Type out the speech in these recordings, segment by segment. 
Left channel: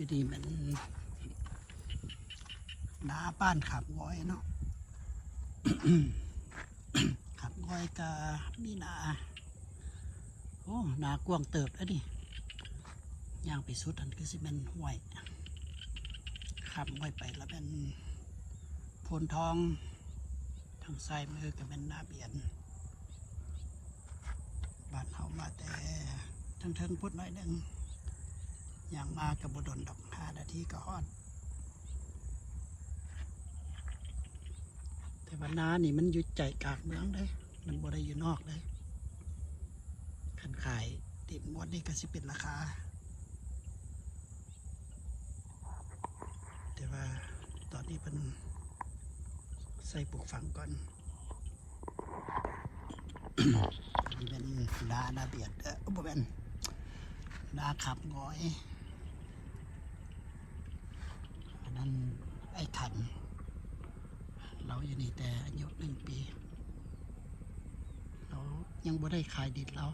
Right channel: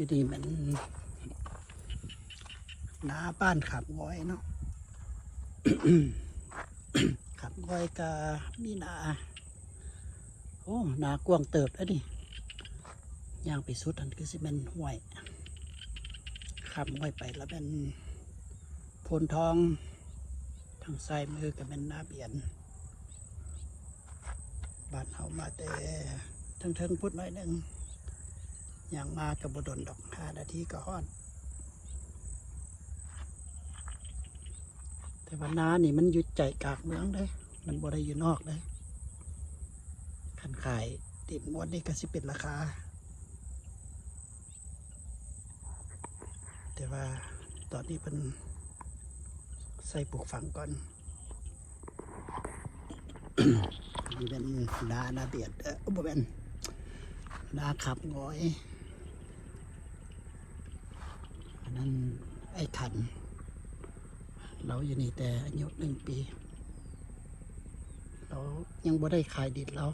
อยู่นี่มันน้าบ้านขับง้อยเนาะ ขับง้อยกะมีนาโอ้นากว้างเติบแล้วนี่ย่างไปสุดอันคือสิเป็นห้วยขับง้อยไปแล้วเป็นโพนทองทางซ้ายมือก็เป็นนาเบียนบ้านเฮามาแต่เทิงๆพุดหน่อยหนึ่งย่างมากับบดลดอก5 นาทีก็ฮอดแต่ว่านานี่มันอยู่ใจกลางเมืองเลยมันบ่ได้อยู่นอกเลยขันขายติดมดนี่ก็สิเป็นราคาแต่ว่าตอนนี้เป็นใส่ปลูกฝังก่อน นี่เป็นนาเบียดบ่เป็นนาขับง้อยอันนั้นไอ้ขันเราอยู่นี่แต่อายุ1 ปีเรายังบ่ได้ขายดินเรา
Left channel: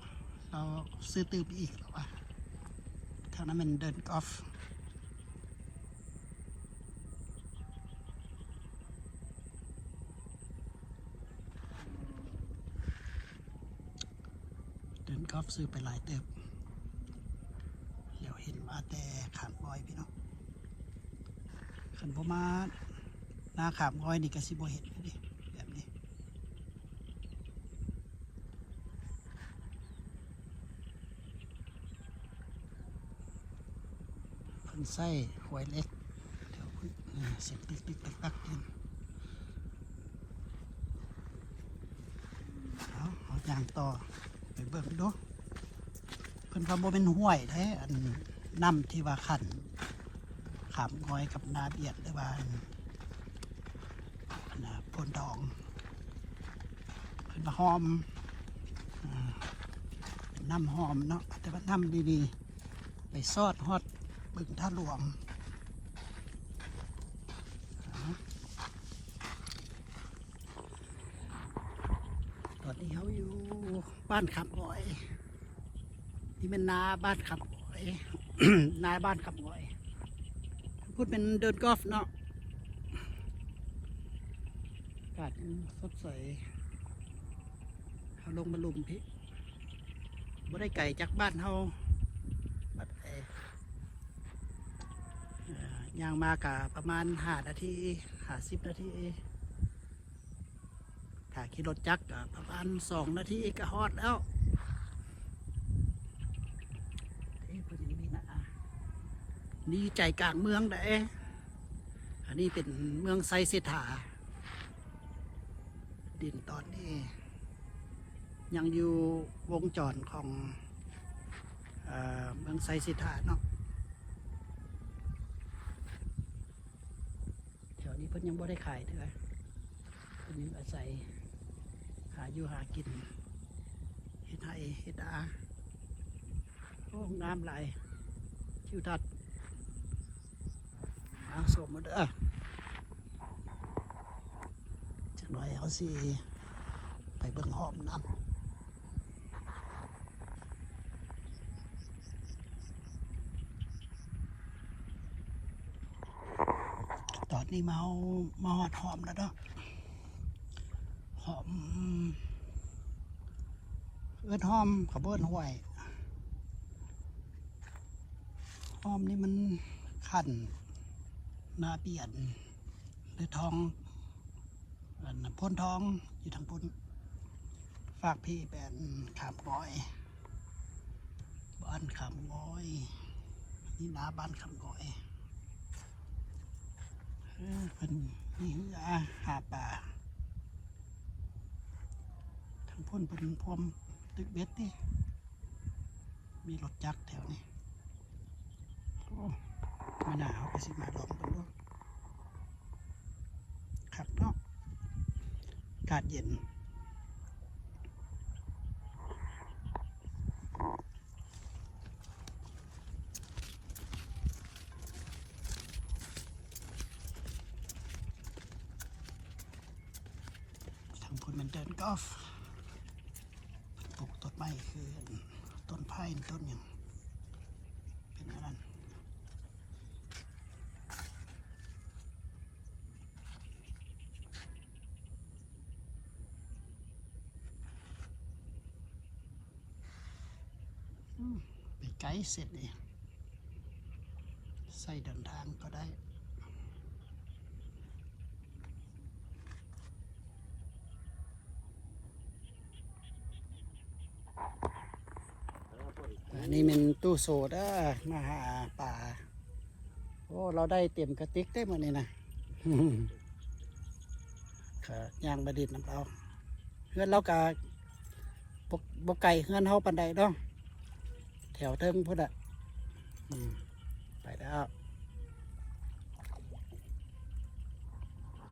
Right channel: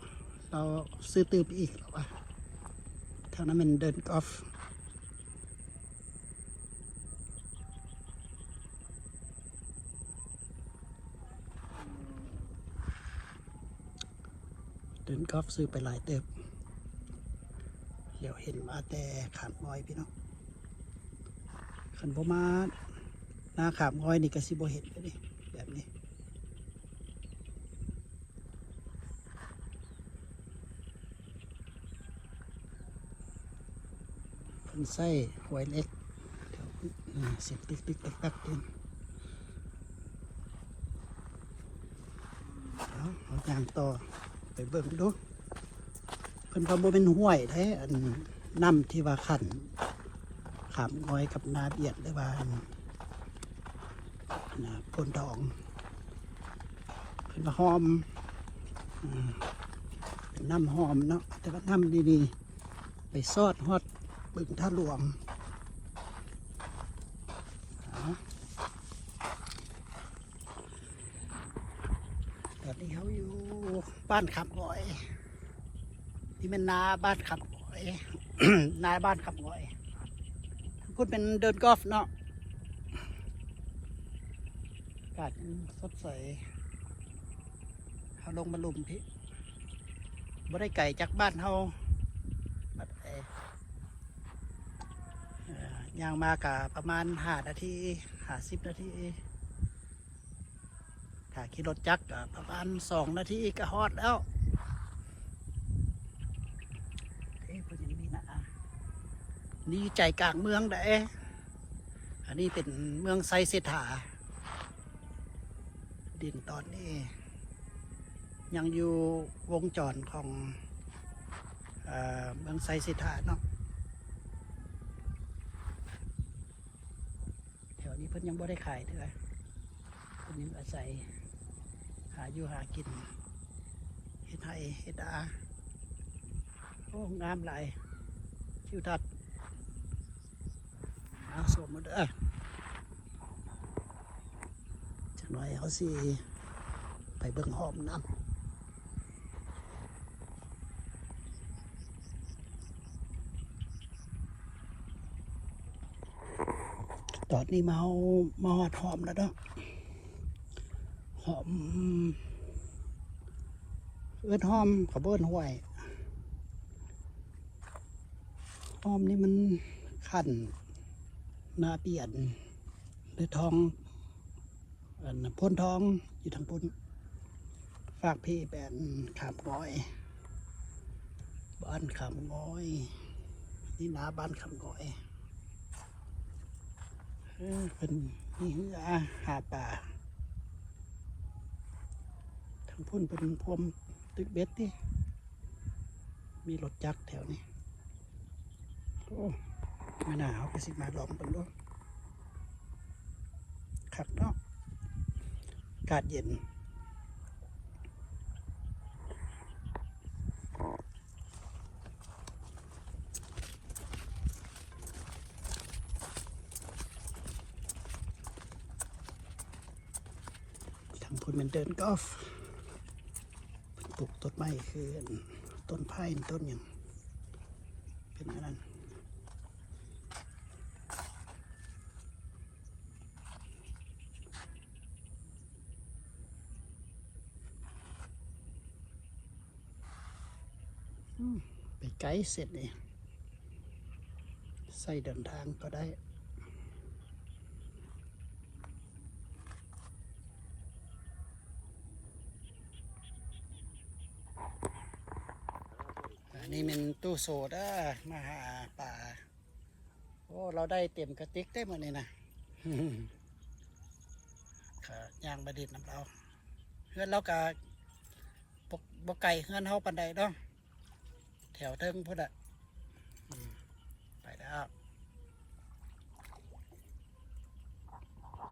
ซื้อตื้อไปอีกหรอวะทางนั้นมันเดินกอล์ฟซื้อไปหลายเติบเดี๋ยวเห็นมาแต่ขับง้อยพี่น้องขันบ่มาหน้าขับง้อยนี่ก็สิบ่เห็นเลยแบบนี้คนใส่หวยเล็กเดี๋ยวเสียงปิ๊กตักเองเอาอย่างต่อไปเบิ่งดูเพิ่นว่าบ่เป็นห้วยแท้อันน้ำที่ว่าขันขามง้อยกับนาเบียดหรือว่าโพนทองเพิ่นว่าหอมเป็นน้ำหอมเนาะแต่ว่าน้ำดีๆไปซอดฮอดบึงท่าหลวงตอนนี้เขาอยู่บ้านขับง้อยนี่เป็นนาบ้านขับง้อย นาบ้านขับง้อยพูดเป็นเดินกอล์ฟเนาะอากาศสดใสเขาลงมาลุมพี่บ่ได้ไก่จากบ้านเขาบัดย่างมากะประมาณ5 นาที50 นาทีถ้าขี่รถจักรประมาณ2 นาทีก็ฮอดแล้วเพิ่นยังมีนะนี่ใจกลางเมืองเด้อันนี้เป็นเมืองไซเซธาดินตอนนี้ยังอยู่วงจรของเมืองไซเซธาเนาะแถวนี้เพิ่นยังบ่ได้ขายเท่าไหร่เพิ่นยังอาศัยหาอยู่หากินเฮ็ดไร่เฮ็ดนาโอ้งามหลายทิวทัศน์สมมติจังหน่อยเขาสิไปเบิ่งหอมน้ำตอนนี้มาหอดหอมแล้วเนาะหอมเอิ้นหอมเขาเบิ้นห้วยหอมนี่มันขันนาเปลี่ยนหรือทองพ่นทองอยู่ทางพ่นฝากพี่เป็นขามง้อยบ้านขามง้อยนี่นาบ้านขามง้อยเป็นนี่คือหาป่าทางพ่นเป็นพวมตึกเบ็ดที่มีรถจักรแถวนี้โอ้มาหนาวก็สิมาลองกันด้วยขับเนาะอากาศเย็นทางพุ่นมันเดินกอล์ฟปลูกต้นไม้คือต้นไผ่ต้นอย่างเป็นอะไรนั้น ไปไกลเสร็จเลยใส่เดินทางก็ได้อันนี้เป็นตู้โซดามาหาปลาโอ้เราได้เต็มกระติกได้หมดเลยนะครับย่างบดินน้ำเราเพื่อนเรากะบกไก่เพื่อนเขาปันใดเนาะแถวเทิงพุ่นอ่ะไปแล้ว